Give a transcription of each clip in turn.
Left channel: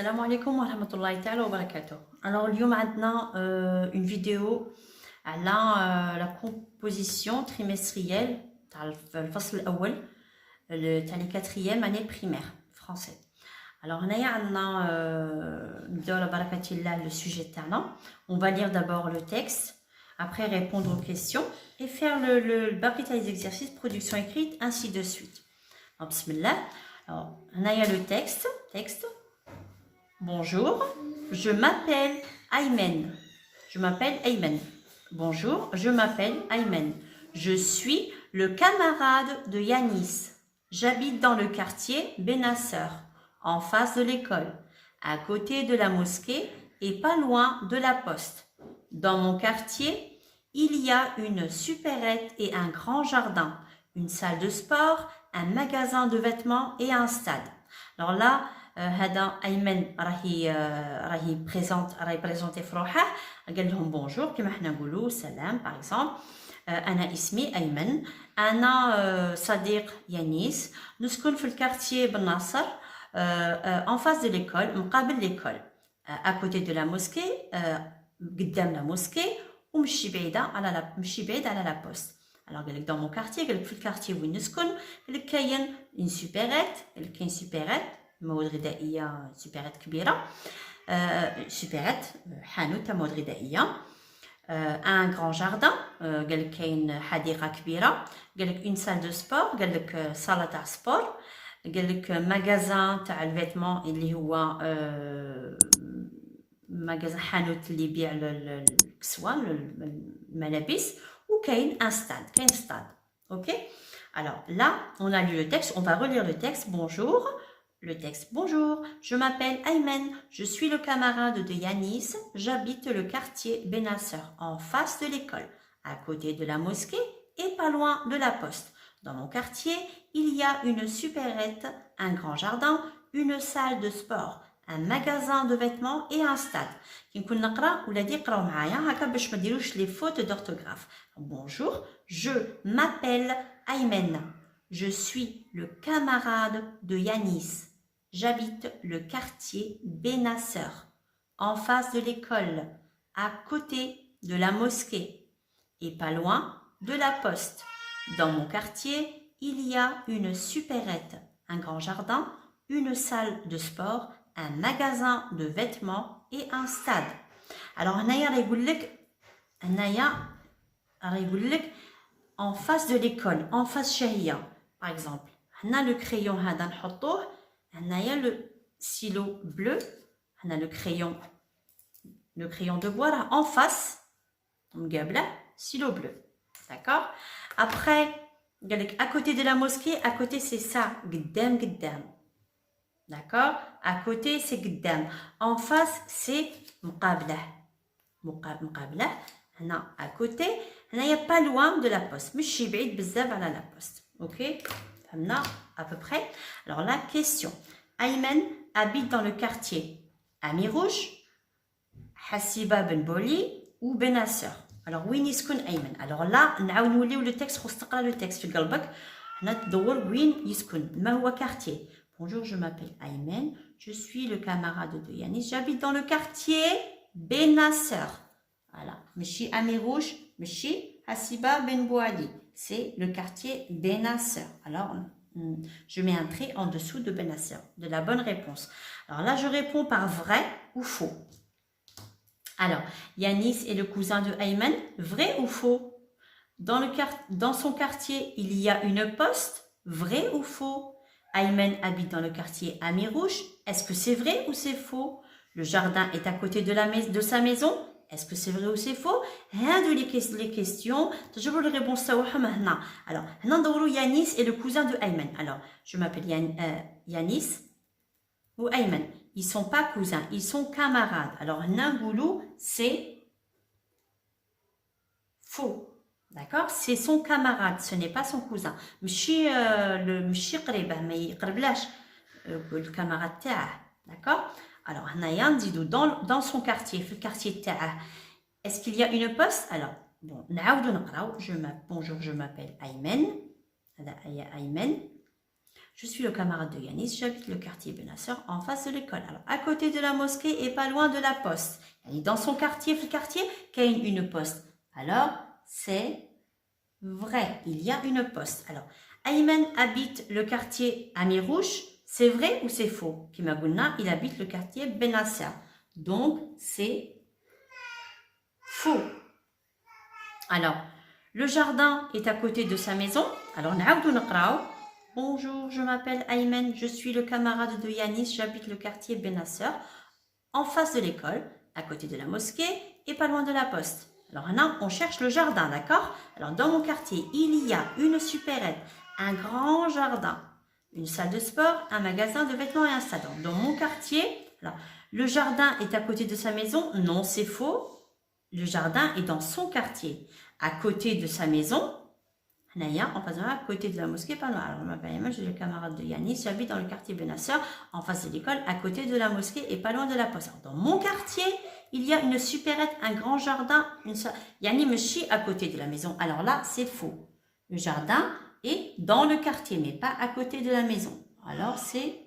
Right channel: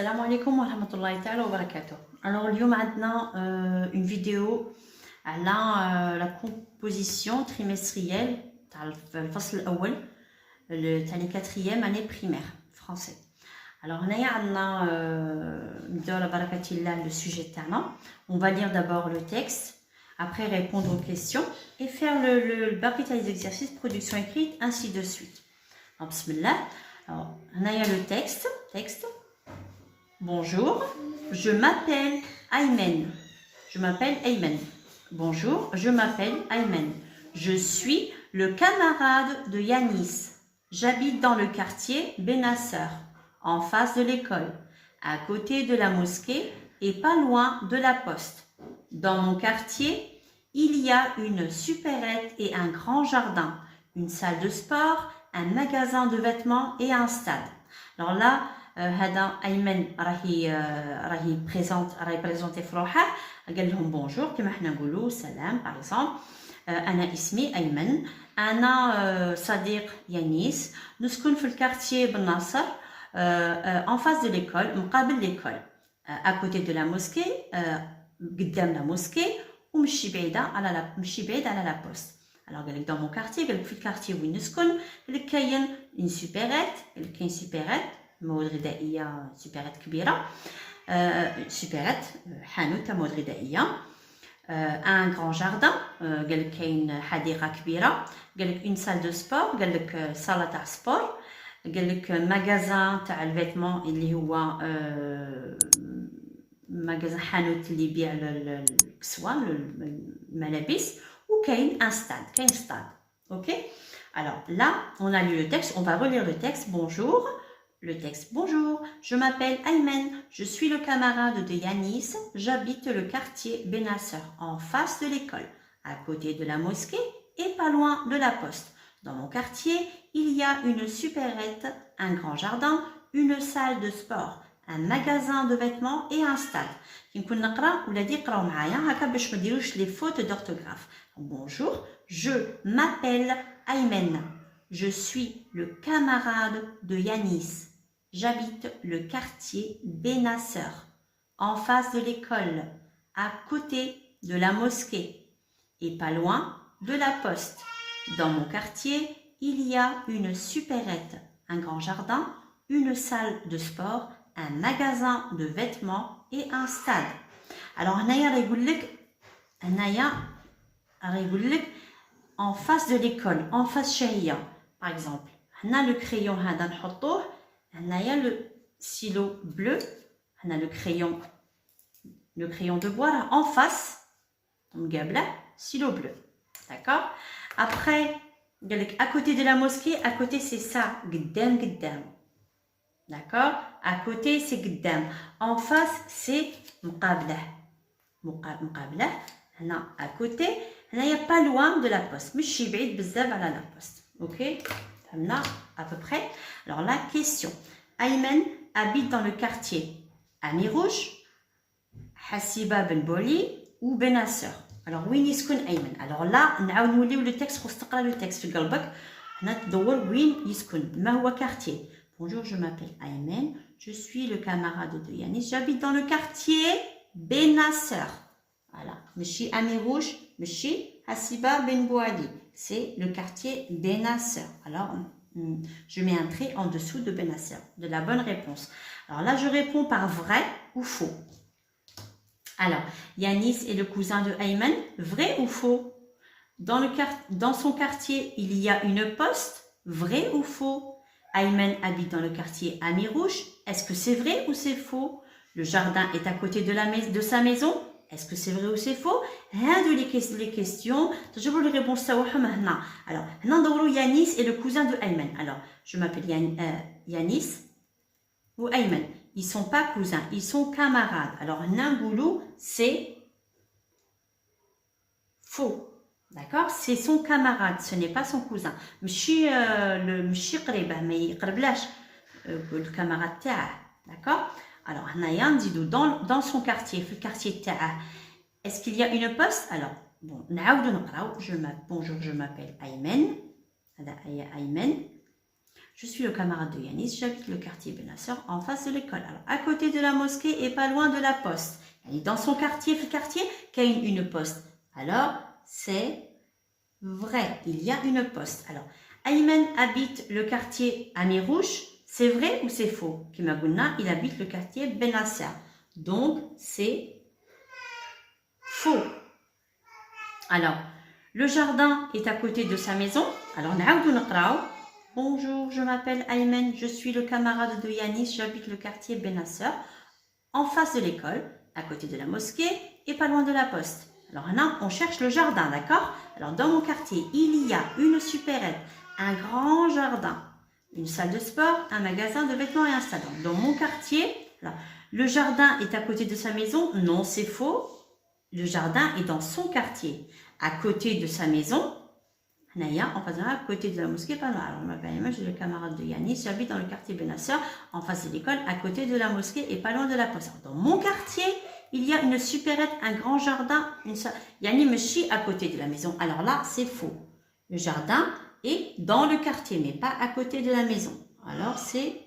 Salam alaikum wa rahmatullahi ta'ala wa barakatuh. Alors, il y a maintenant une vidéo à la composition trimestrielle le fasl الأول تاع quatrième année primaire français. Alors, on a le sujet تاعنا. On va lire d'abord le texte, après répondre aux questions et faire le baqi des exercices production écrite, ainsi de suite. Donc, bismillah. Alors, on a le texte. Bonjour, je m'appelle Aymen. Bonjour, je m'appelle Aymen. Je suis le camarade de Yanis. J'habite dans le quartier Benasser, en face de l'école, à côté de la mosquée et pas loin de la poste. Dans mon quartier, il y a une supérette et un grand jardin, une salle de sport, un magasin de vêtements et un stade. Alors là, هذا أيمن راهي بريزونتي في روحه. قال لهم بونجور كما حنا نقولوا سلام باغ اكزومبل. أنا اسمي أيمن، أنا صديق يانيس، نسكن في الكارتيي بن ناصر en face de l'école، مقابل l'école، à côté de la mosquée، قدام la mosquée، ومشي بعيد على la poste. Alors قال لك dans mon quartier، قال لك في الكارتيي وين نسكن، قال لك كاين une supérette، قال لك كاين supérette مواد غذائية، سوبرات كبيرة، سوبرات حانوت تاع مواد غذائية، ان غران جاردان، قال لك كاين حديقة كبيرة، قال لك اون سال دو سبور، قال لك صالة تاع سبور، قال لك ماغازان تاع الفيتمون اللي هو ماغازان حانوت اللي يبيع الكسوة الملابس، وكاين ان ستاد، كاين ستاد. اوكي. Alors là, on a lu le texte, on va relire le texte. Bonjour. Le texte. Bonjour, je m'appelle Aymen, je suis le camarade de Yanis, j'habite le quartier Benasser, en face de l'école, à côté de la mosquée et pas loin de la poste. Dans mon quartier, il y a une supérette, un grand jardin, une salle de sport, un magasin de vêtements et un stade. Bonjour, je m'appelle Aymen, je suis le camarade de Yanis. J'habite le quartier Benasser, en face de l'école, à côté de la mosquée et pas loin de la poste. Dans mon quartier, il y a une supérette, un grand jardin, une salle de sport, un magasin de vêtements et un stade. Alors, en face de l'école, en face chéria, par exemple. On a le crayon, on a le stylo bleu, on a le crayon de bois là, en face, stylo bleu. D'accord. Après, à côté de la mosquée, à côté c'est ça, قدام. D'accord. À côté c'est قدام. En face c'est مقابله. هنا à côté, il n'y a pas loin de la poste. مش بعيد بزاف على la poste. OK. Là, à peu près. Alors la question. Aymen habite dans le quartier Ami Rouge, Hassiba Ben Boli ou Benasser. Alors وين يسكن Aymen. Alors là, نعاود نوليو le texte، خص تقرا le texte في قلبك. حنا تدور وين يسكن، ما هو quartier. Bonjour, je m'appelle Aymen, je suis le camarade de Yanis, j'habite dans le quartier Benasser. Voilà. ماشي Ami Rouge, ماشي Hassiba Ben Boli. C'est le quartier Benasser. Alors, je mets un trait en dessous de Benasser, de la bonne réponse. Alors là, je réponds par vrai ou faux. Alors, Yanis est le cousin de Aymen, vrai ou faux? Dans son quartier, il y a une poste, vrai ou faux? Aymen habite dans le quartier Ami Rouge, est-ce que c'est vrai ou c'est faux? Le jardin est à côté de sa maison, est-ce que c'est vrai ou c'est faux? Les questions. تجيبوا les réponses تاعهم هنا. Alors, هنا ندوروا Yanis est le cousin de Aymen. Alors, je m'appelle Yanis ou Aymen. Ils sont pas cousins, ils sont camarades. Alors, هنا نقولوا c'est faux. D'accord? C'est son camarade, ce n'est pas son cousin. مشي قريبه ما يقربلاش الكاماراد تاعه. D'accord? Alors, هنايا نزيدو dans son quartier, في الكارتيي تاعه. Est-ce qu'il y a une poste? Alors, bon, bonjour, je m'appelle Aymen. Aymen. Je suis le camarade de Yanis, j'habite le quartier Benasser en face de l'école. Alors, à côté de la mosquée et pas loin de la poste. Dans son quartier, qu'il y a une poste. Alors, c'est vrai, il y a une poste. Alors, Ayman habite le quartier Amirouche. C'est vrai ou c'est faux? Kimagouna, il habite le quartier Benasser. Donc, c'est faux. Alors, le jardin est à côté de sa maison. Alors, bonjour, je m'appelle Ayman, je suis le camarade de Yanis, j'habite le quartier Benasser, en face de l'école, à côté de la mosquée et pas loin de la poste. Alors là, on cherche le jardin, d'accord? Alors, dans mon quartier, il y a une supérette, un grand jardin, une salle de sport, un magasin de vêtements et un stade. Dans mon quartier, là, le jardin est à côté de sa maison. Non, c'est faux. Le jardin est dans son quartier, à côté de sa maison. En face à côté de la mosquée, pas loin. Alors, je m'appelle Emma, je suis le camarade de Yanis, j'habite dans le quartier Benasser, en face de l'école, à côté de la mosquée et pas loin de la poste. Dans mon quartier, il y a une supérette, un grand jardin, Yanni Mechi à côté de la maison. Alors là, c'est faux. Le jardin est dans le quartier, mais pas à côté de la maison. Alors, c'est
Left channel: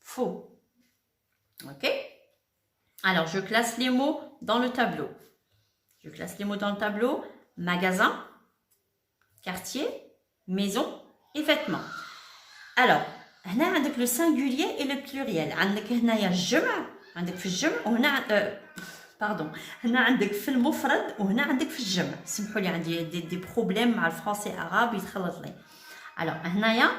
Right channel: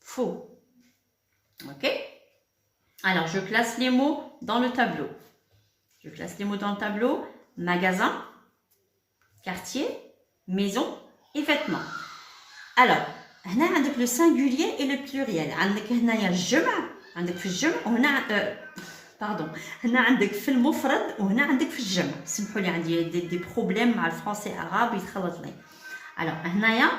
faux. Ok? Alors, je classe les mots dans le tableau. Je classe les mots dans le tableau. Magasin, quartier, maison et vêtements. Alors, on a le singulier et le pluriel. On a الجمع. عندك في الجمع وهنا باردون. هنا عندك في المفرد وهنا عندك في الجمع. سمحوا لي عندي دي بروبليم مع الفرنسي arabe يتخلط لي. Alors, هنايا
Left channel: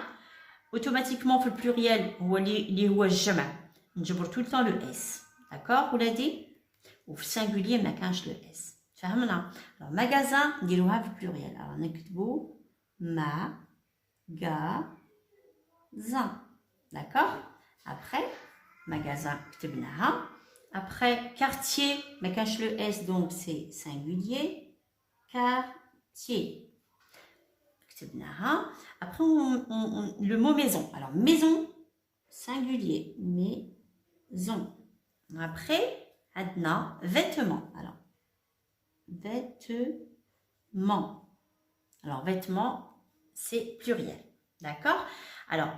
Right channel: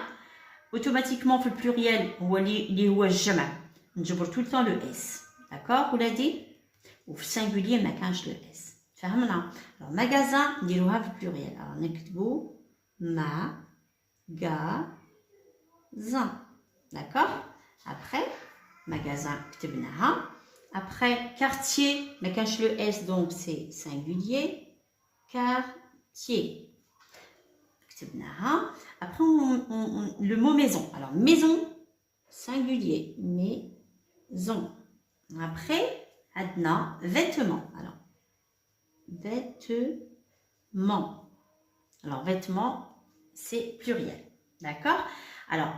automatiquement في البلوريال هو اللي هو الجمع. نجبر tout le temps le s. D'accord ولادي؟ وفي السنجولير ما كانش le s. فهمنا؟ Alors, magasin نديروها في البلوريال. Alors, نكتبوا magasin. D'accord? Après, magasin كتبناها. Après, quartier, mais cache le S, donc c'est singulier. Quartier. Après, le mot maison. Alors, maison, singulier. Maison. Après, adna, vêtements. Alors, vêtements. Alors, vêtements, c'est pluriel. D'accord? Alors,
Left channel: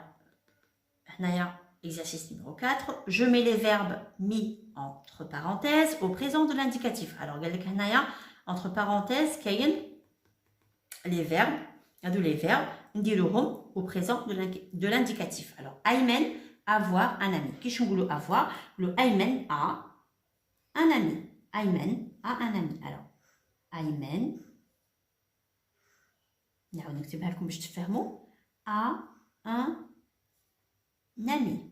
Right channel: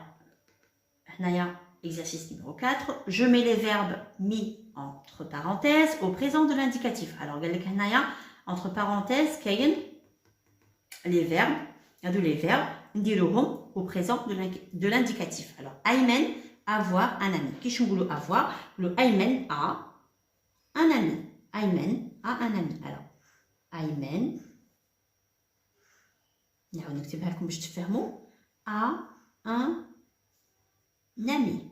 exercice numéro 4. Je mets les verbes mis entre parenthèses au présent de l'indicatif. Alors, entre parenthèses, les verbes, au présent de l'indicatif. Alors, Ayman, avoir un ami. Qui je avoir? Le Ayman a un ami. Ayman a un ami. Alors, Ayman, a un ami.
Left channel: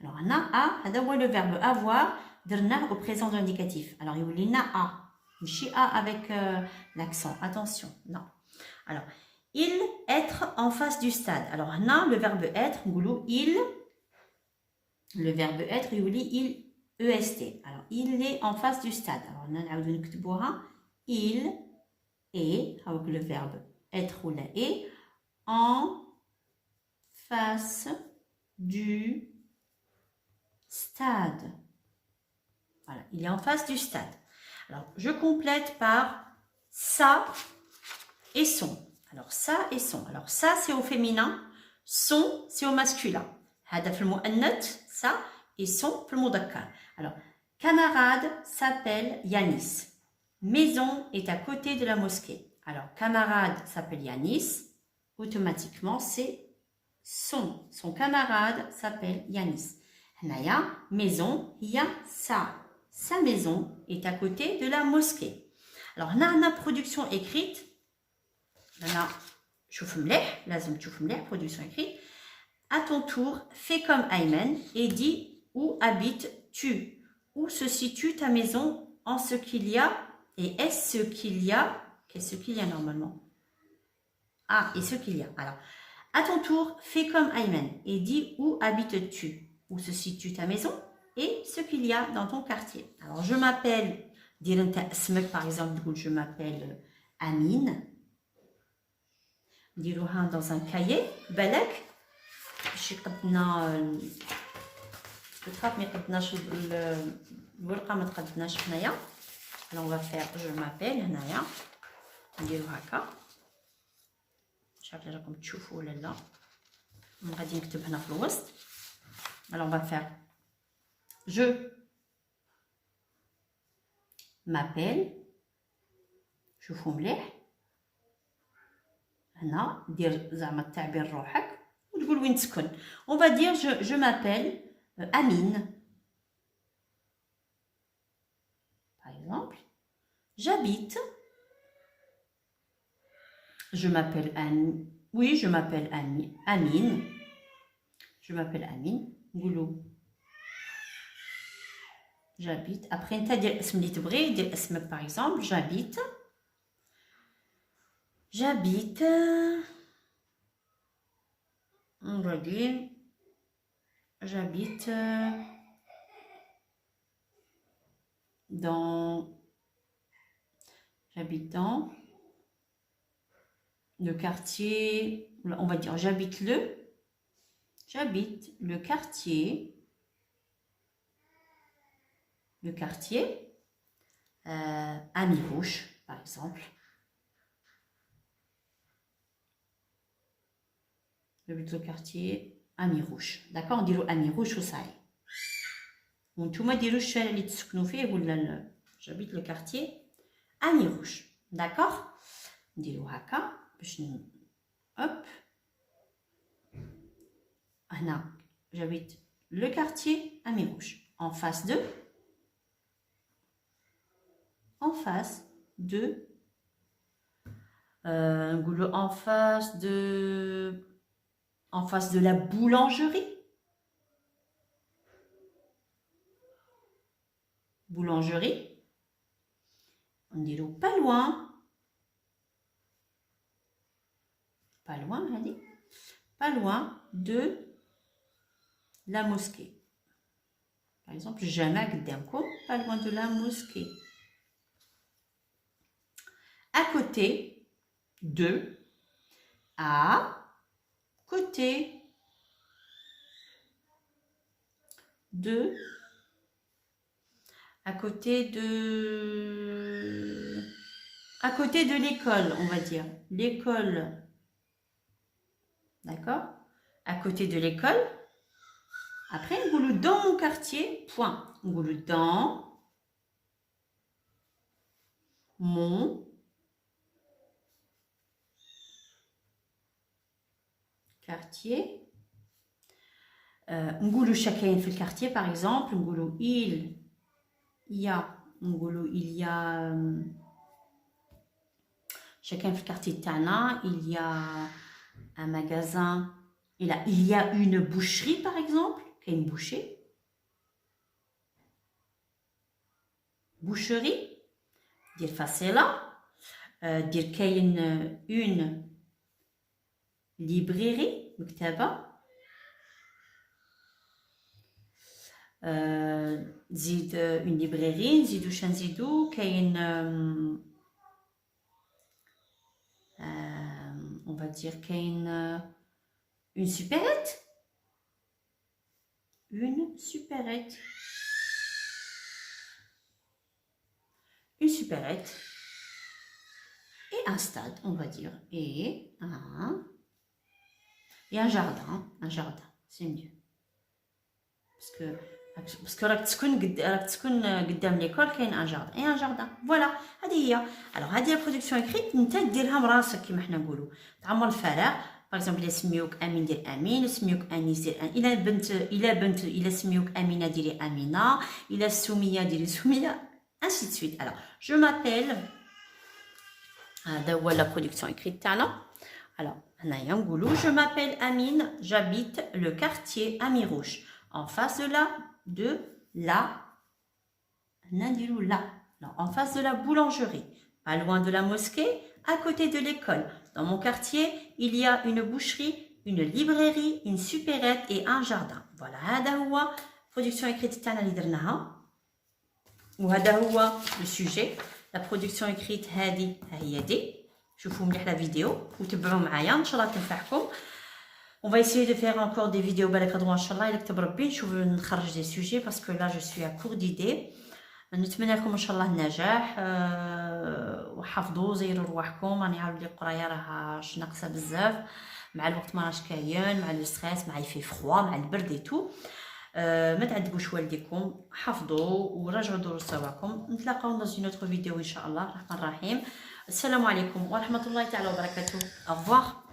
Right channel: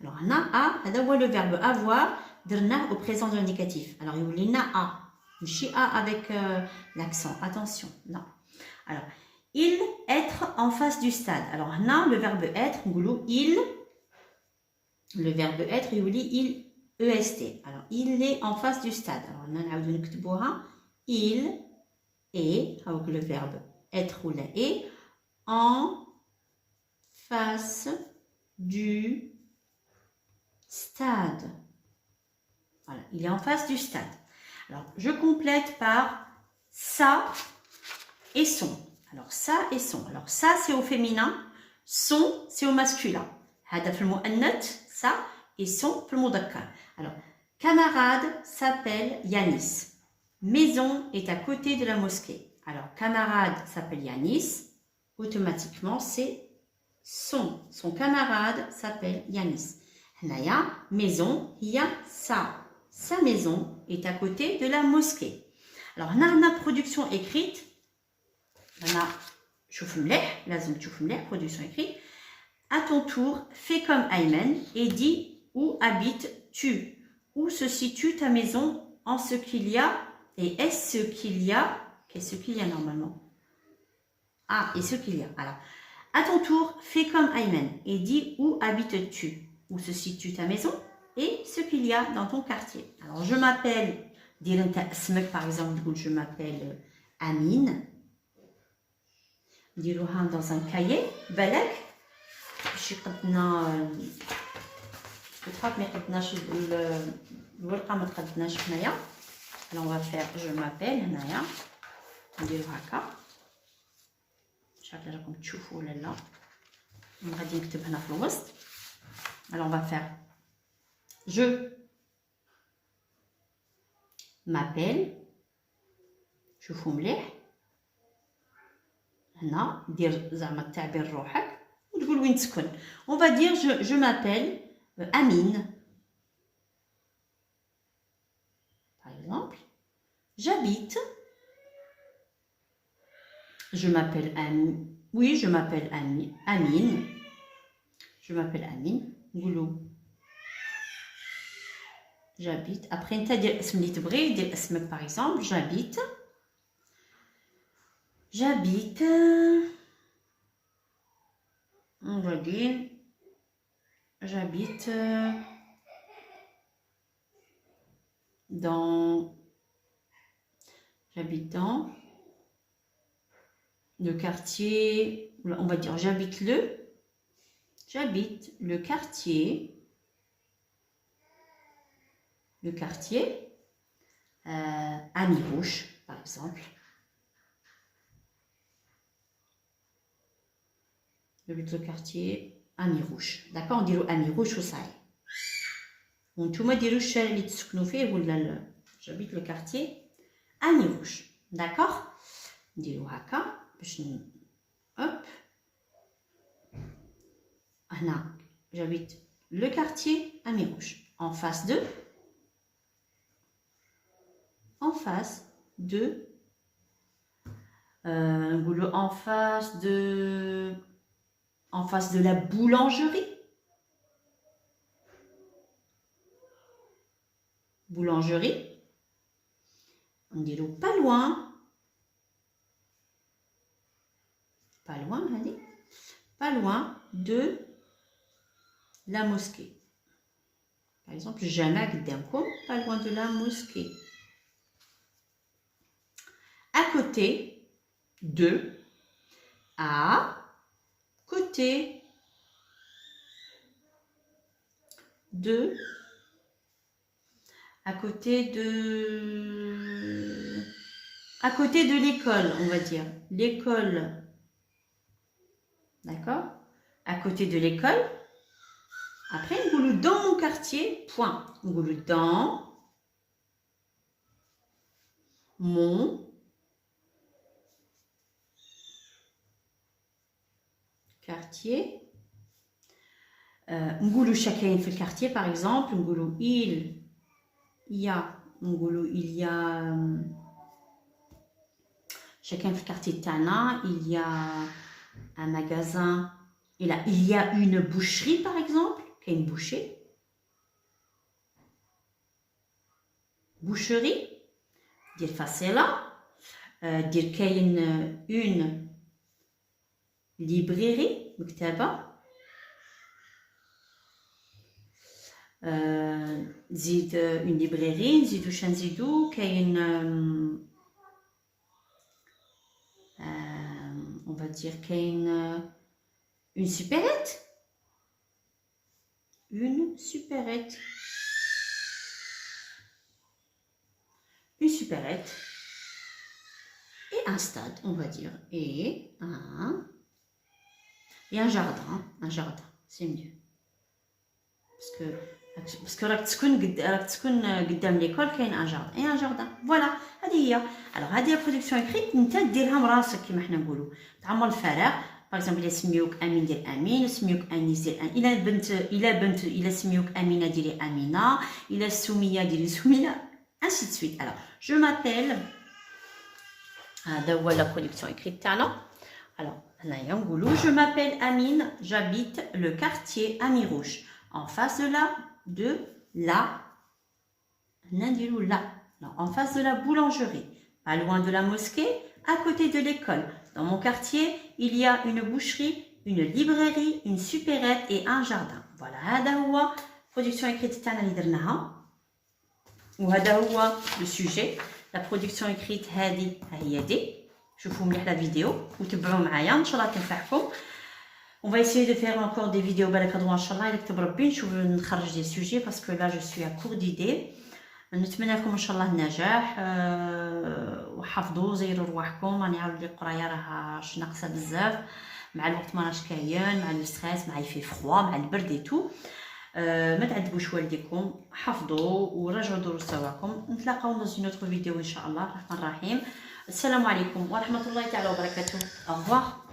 Alors, on a le verbe avoir, au présent de l'indicatif. Alors, il y a a. Je a avec l'accent. Attention, non. Alors, il, être en face du stade. Alors, on a le verbe être, il. Le verbe être, il, est. Alors, il est en face du stade. Alors, on a il est, avec le verbe être ou la est, en face du stade. Voilà, il est en face du stade. Alors, je complète par ça et son. Alors, ça et son. Alors, ça, c'est au féminin. Son, c'est au masculin. Hada fil mu'annath, ça, et son fil mudakkar. Alors, camarade s'appelle Yanis. Maison est à côté de la mosquée. Alors, camarade s'appelle Yanis. Automatiquement, c'est son. Son camarade s'appelle Yanis. Hanaya, maison, il y a ça. Sa maison est à côté de la mosquée. Alors, on a une production écrite. On a, production écrite. À ton tour, fais comme Ayman et dis où habites-tu? Où se situe ta maison en ce qu'il y a? Et est-ce ce qu'il y a? Qu'est-ce qu'il y a normalement? Ah, et ce qu'il y a. Alors, à ton tour, fais comme Ayman et dis où habites-tu? Où se situe ta maison et ce qu'il y a dans ton quartier. Alors, je m'appelle, par exemple, je m'appelle Amine. نديروها dans un cahier. بالك باش يقدنا الخط ما يقدناش الورقه ما تقدناش هنايا. Alors, on va faire je m'appelle هنايا نديرو هكا. مش عارفه راكم تشوفوا ولا لا. غادي نكتب هنا في الوسط. Alors on va faire je m'appelle. شوفوا مليح هنا دير زعما التعبير روحك وتقول وين تسكن. On va dire je m'appelle Amine. Par exemple, j'habite. Je m'appelle Amine. Oui, je m'appelle Amine. Je m'appelle Amine. نقولوا j'habite. Après انت دير اسم اللي تبغي دير اسمك. Par exemple, j'habite. On va dire j'habite dans le quartier, on va dire j'habite le quartier Amirouche, par exemple. J'habite le quartier Amirouche. D'accord, on dit Amirouche وصاي. وانتوما ديروا الشارع اللي تسكنوا فيه ولا j'habite le quartier Amirouche. D'accord, نديروا هكا باش hop هنا j'habite le quartier Amirouche. En face de en face de la boulangerie. On dit pas loin, allez, pas loin de la mosquée. Par exemple, jamais قدامكم, pas loin de la mosquée. À côté de, à côté de, à côté de l'école, on va dire l'école. D'accord, à côté de l'école. Après, on goulou dans mon quartier, point. On goulou dans mon quartier. On goulou chacun fait le quartier, par exemple. On goulou il y a chacun fait le quartier de Tana. Il y a un magasin. Il y a une boucherie, par exemple. Une boucherie. Dire facile. Dire qu'il y a une librairie. زيد une librairie. نزيدو شنزيدو كاين on va dire كاين une supérette. Une supérette. Et un stade, on va dire. Et un jardin. C'est mieux. Parce que راك تسكن قدام ليكول كاين ان جاردن. اي ان جاردن. فوالا هذه هي. الوغ هذه لا برودكسيون اكريت انت ديرها براسك كيما حنا نقولوا. تعمر الفراغ. باغ اكزومبل الا سميوك امين دير امين، سميوك انيس دير الا سميوك امينه ديري امينه، الا سميه ديري سميه، ainsi de suite. Alors je m'appelle هذا هو لا برودكسيون اكريت تاعنا. alors هنايا نقولوا je m'appelle Amine, j'habite le quartier Amirouche, en face de la en face de la boulangerie, pas loin de la mosquée, à côté de l'école. Dans mon quartier, il y a une boucherie, une librairie, une supérette et un jardin. Voilà, هذا هو production écrite تاعنا اللي درناها. وهذا هو le sujet. La production écrite هذه هي دي. شوفوا مليح لا فيديو وتبعوا معايا ان شاء الله تنفعكم. On va essayer de faire encore des vidéos بالك غدوه ان شاء الله الا كتب ربي نشوف نخرج دي سوجي باسكو لا جو سوي ا كور ديدي. نتمنى لكم ان شاء الله النجاح وحافظوا زيروا رواحكم. راني عاود لي القرايه راه ناقصه بزاف. مع الوقت ما راش كاين، مع لو ستريس، مع يفي فروا، مع البرد اي تو. ما تعذبوش والديكم، حفظوا وراجعوا دروس تاعكم. نتلاقاو dans une autre vidéo ان شاء الله الرحمن الرحيم. السلام عليكم ورحمه الله تعالى وبركاته. au revoir.